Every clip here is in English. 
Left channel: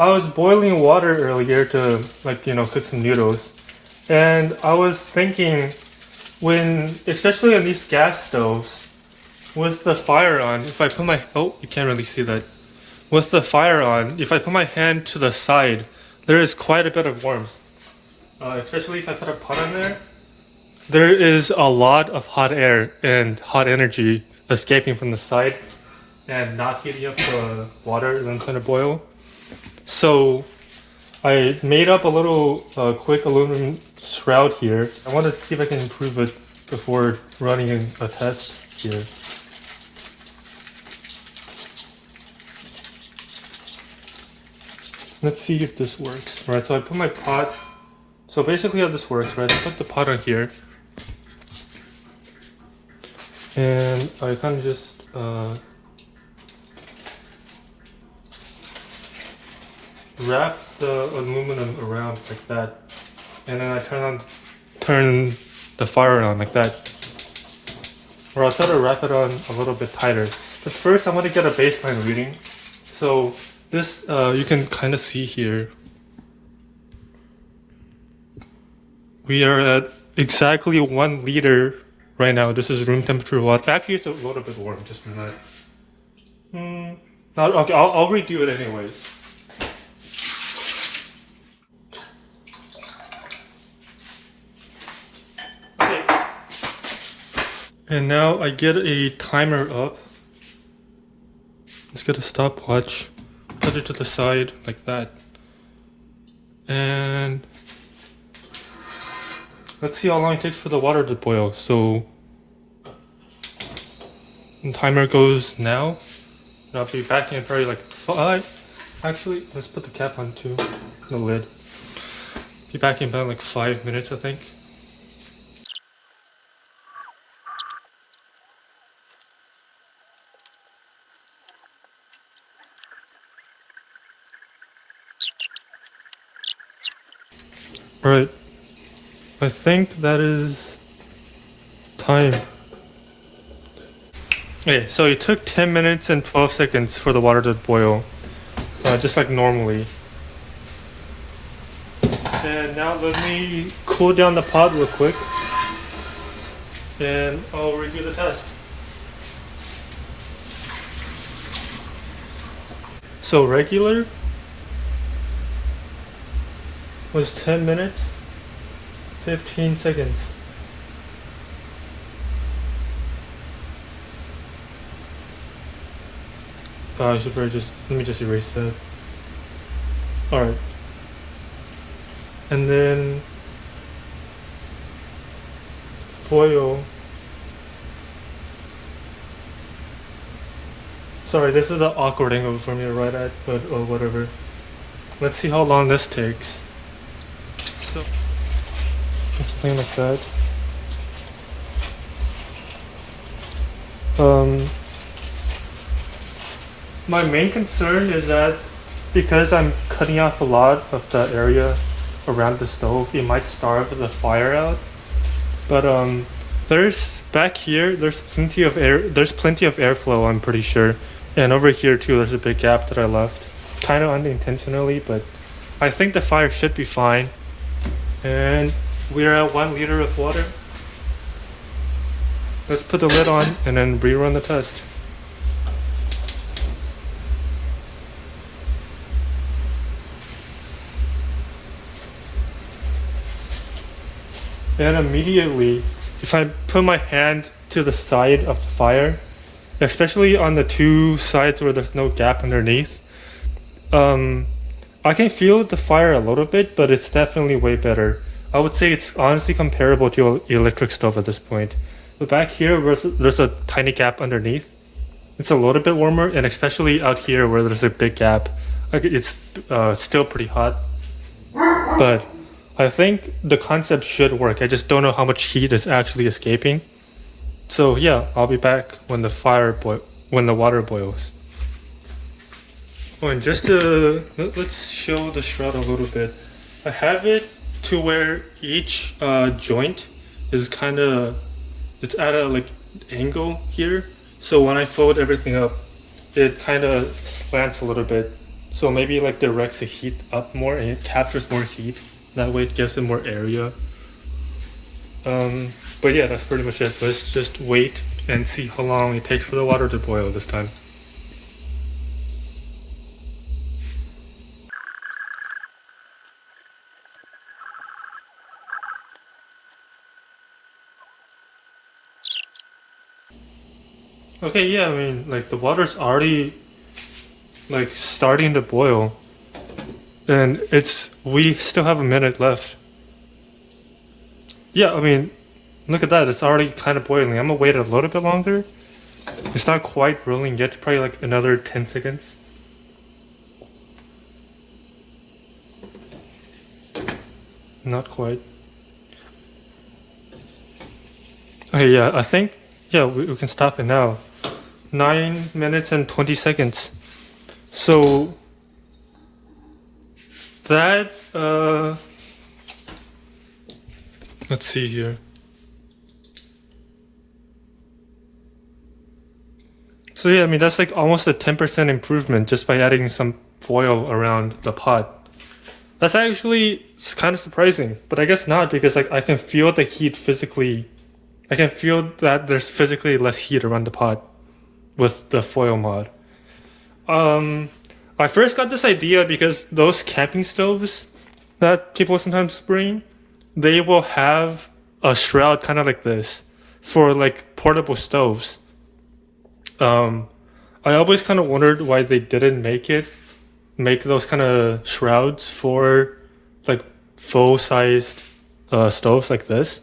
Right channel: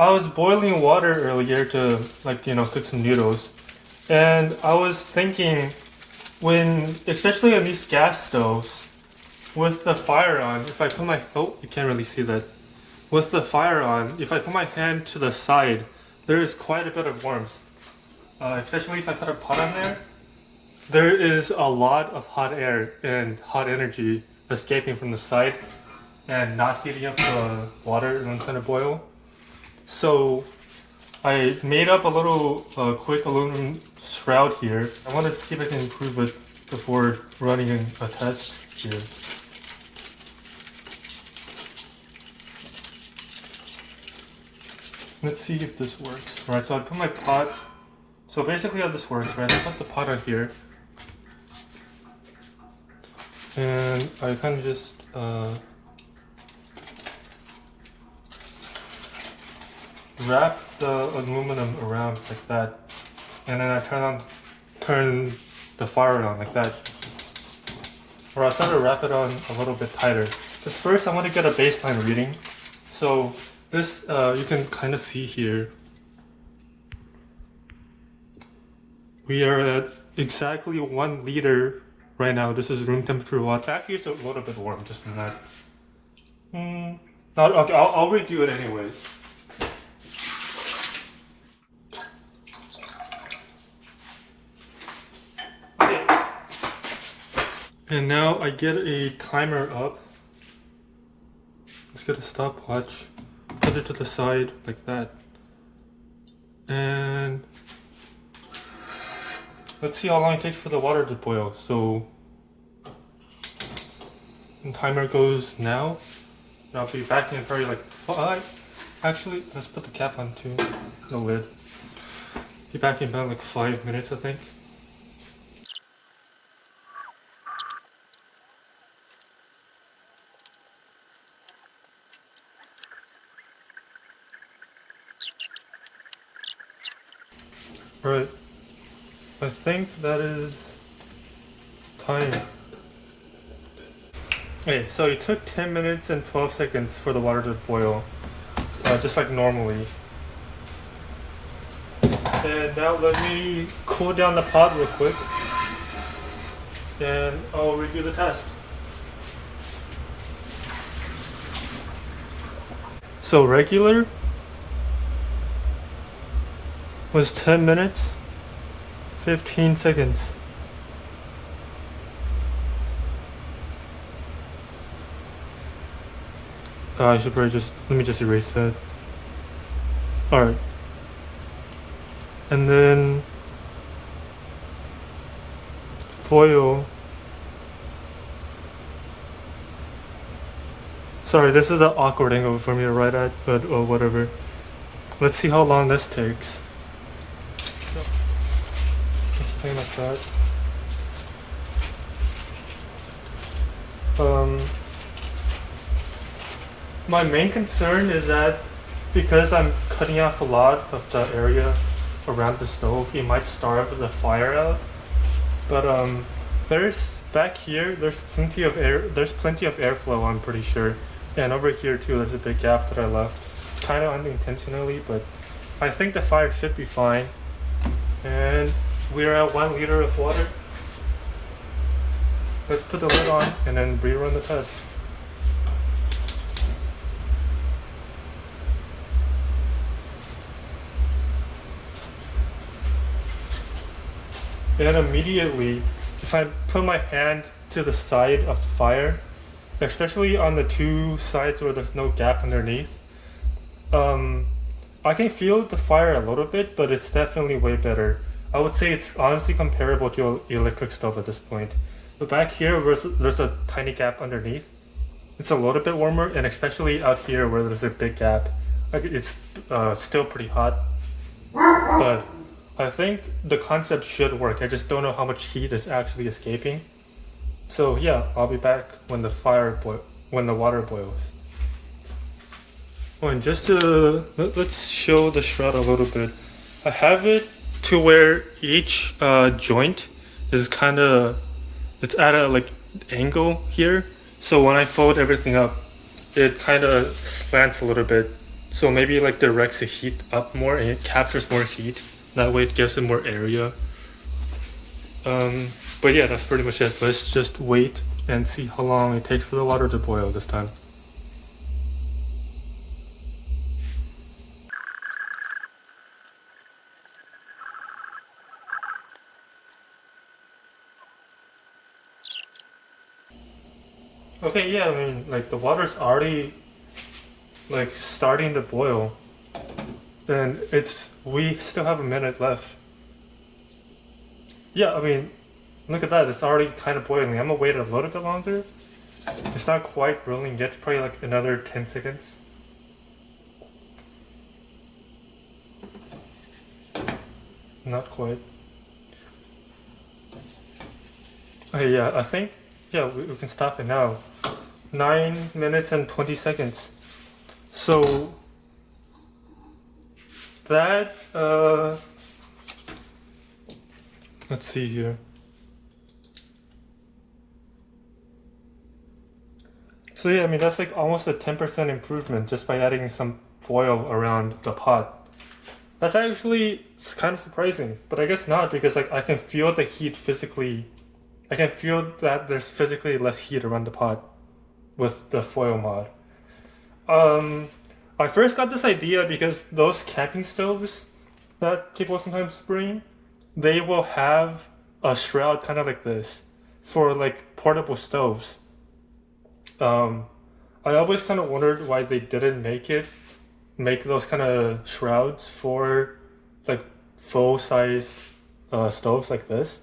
I was boiling water earlier to cook some noodles, and I was thinking especially on these gas stoves, with the fire on, if I put my you can't really see that. With the fire on, if I put my hand to the side, there is quite a bit of warmth. Especially if I put a pot on there, there is a lot of hot air and hot energy escaping from the side and not heating up the water and then trying to boil. So I made up a little quick aluminum shroud here. I want to see if I can improve it before running a test here. Let's see if this works. Right, so I put my pot. So basically how this works, right? I put the pot on here. And I kind of just wrap the aluminum around like that. And then I turn the fire on like that. Or I'll try to wrap it on a little bit tighter. But first I want to get a baseline reading. So this, you can kind of see here. We are at exactly 1 liter right now. This is room temperature water. Actually, it's a little bit warm just from that. Okay, I'll redo it anyways. Okay. And now I get a timer up. Let's get a stopwatch. Put it to the side like that. And let's see how long it takes for the water to boil. So the timer goes now. And I'll be back in probably like 5. Actually, let's put the cap on too. The lid. Be back in about like 5 minutes, I think. Alright, I think that is time. Okay, so it took 10 minutes and 12 seconds for the water to boil, just like normally. And now let me cool down the pot real quick, and I'll redo the test. So regular was 10 minutes, 15 seconds. I should probably let me just erase that. Alright. And then foil. Sorry, this is an awkward angle for me to write at, but whatever. Let's see how long this takes. So, let's play like that. My main concern is that because I'm cutting off a lot of the area around the stove, it might starve the fire out. But there's back here, there's plenty of airflow, I'm pretty sure. And over here too, there's a big gap that I left, kind of unintentionally, but I think the fire should be fine. And we're at 1 liter of water. Let's put the lid on and then rerun the test. And immediately, if I put my hand to the side of the fire, especially on the 2 sides where there's no gap underneath, I can feel the fire a little bit, but it's definitely way better. I would say it's honestly comparable to an electric stove at this point. But back here, where there's a tiny gap underneath, it's a little bit warmer, and especially out here where there's a big gap, it's still pretty hot. But I think the concept should work. I just don't know how much heat is actually escaping. So yeah, I'll be back when the water boils. Oh, and just to let's show the shroud a little bit. I have it to where each joint is it's at a angle here. So when I fold everything up, it kind of slants a little bit So maybe like directs the heat up more and it captures more heat. That way it gives it more area. But yeah, that's pretty much it. Let's just wait and see how long it takes for the water to boil this time. Okay, yeah, I mean, like the water's already like starting to boil, and we still have a minute left. Yeah, I mean, look at that, it's already kind of boiling. I'm gonna wait a little bit longer. It's not quite boiling yet, probably like another 10 seconds. Not quite. Okay, yeah, I think, yeah, we can stop it now. 9 minutes and 20 seconds. So that let's see here. So yeah, I mean that's like almost a 10% improvement just by adding some foil around the pot. That's actually kind of surprising, but I guess not because like I can feel the heat physically. I can feel that there's physically less heat around the pot with the foil mod. I first got this idea because those camping stoves that people sometimes bring, they will have a shroud kind of like this for like portable stoves. Um, I always kind of wondered why they didn't make those kind of shrouds for like full sized stoves like this.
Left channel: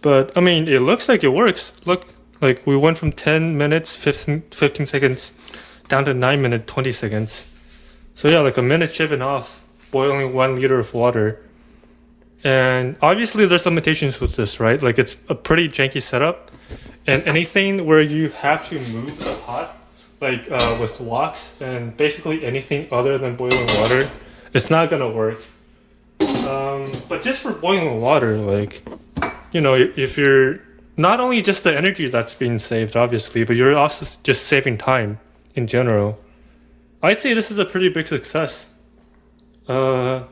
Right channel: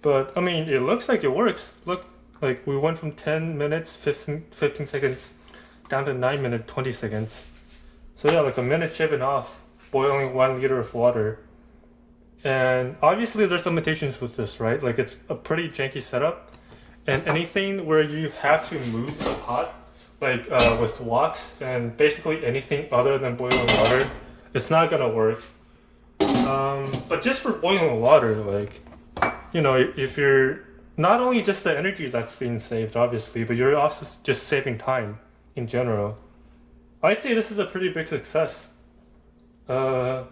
But I mean, it looks like it works. Look, like we went from 10 minutes, 15 seconds down to 9 minutes, 20 seconds. So yeah, like a minute shaving off boiling 1 liter of water. And obviously there's limitations with this, right? Like it's a pretty janky setup. And anything where you have to move the pot, like with woks and basically anything other than boiling water, it's not gonna work. But just for boiling water, like, you know, if you're not only just the energy that's being saved, obviously, but you're also just saving time in general. I'd say this is a pretty big success. I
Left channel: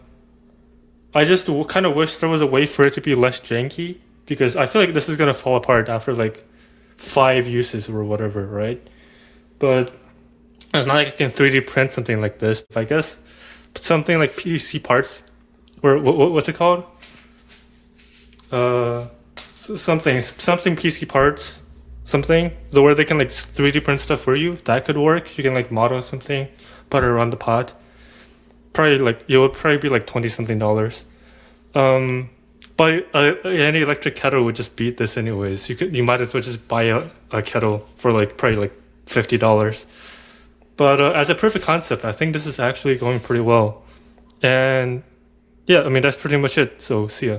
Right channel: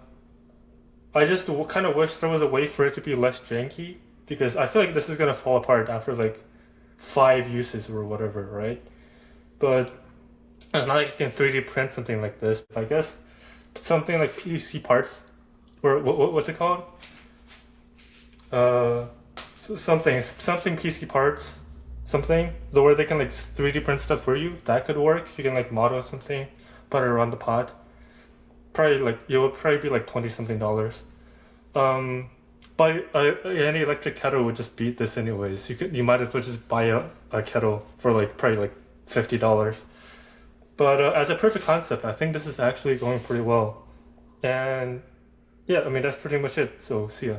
just kind of wish there was a way for it to be less janky because I feel like this is gonna fall apart after like 5 uses or whatever, right? But it's not like I can 3D print something like this. I guess something like PC parts, or what's it called? Uh, something PC parts, something the where they can like 3D print stuff for you. That could work. You can like model something, put it around the pot. Probably like it would probably be like 20 something dollars. But any electric kettle would just beat this anyways. You might as well just buy a kettle for like probably like $50. But as a proof of concept, I think this is actually going pretty well. And yeah, I mean that's pretty much it. So see ya.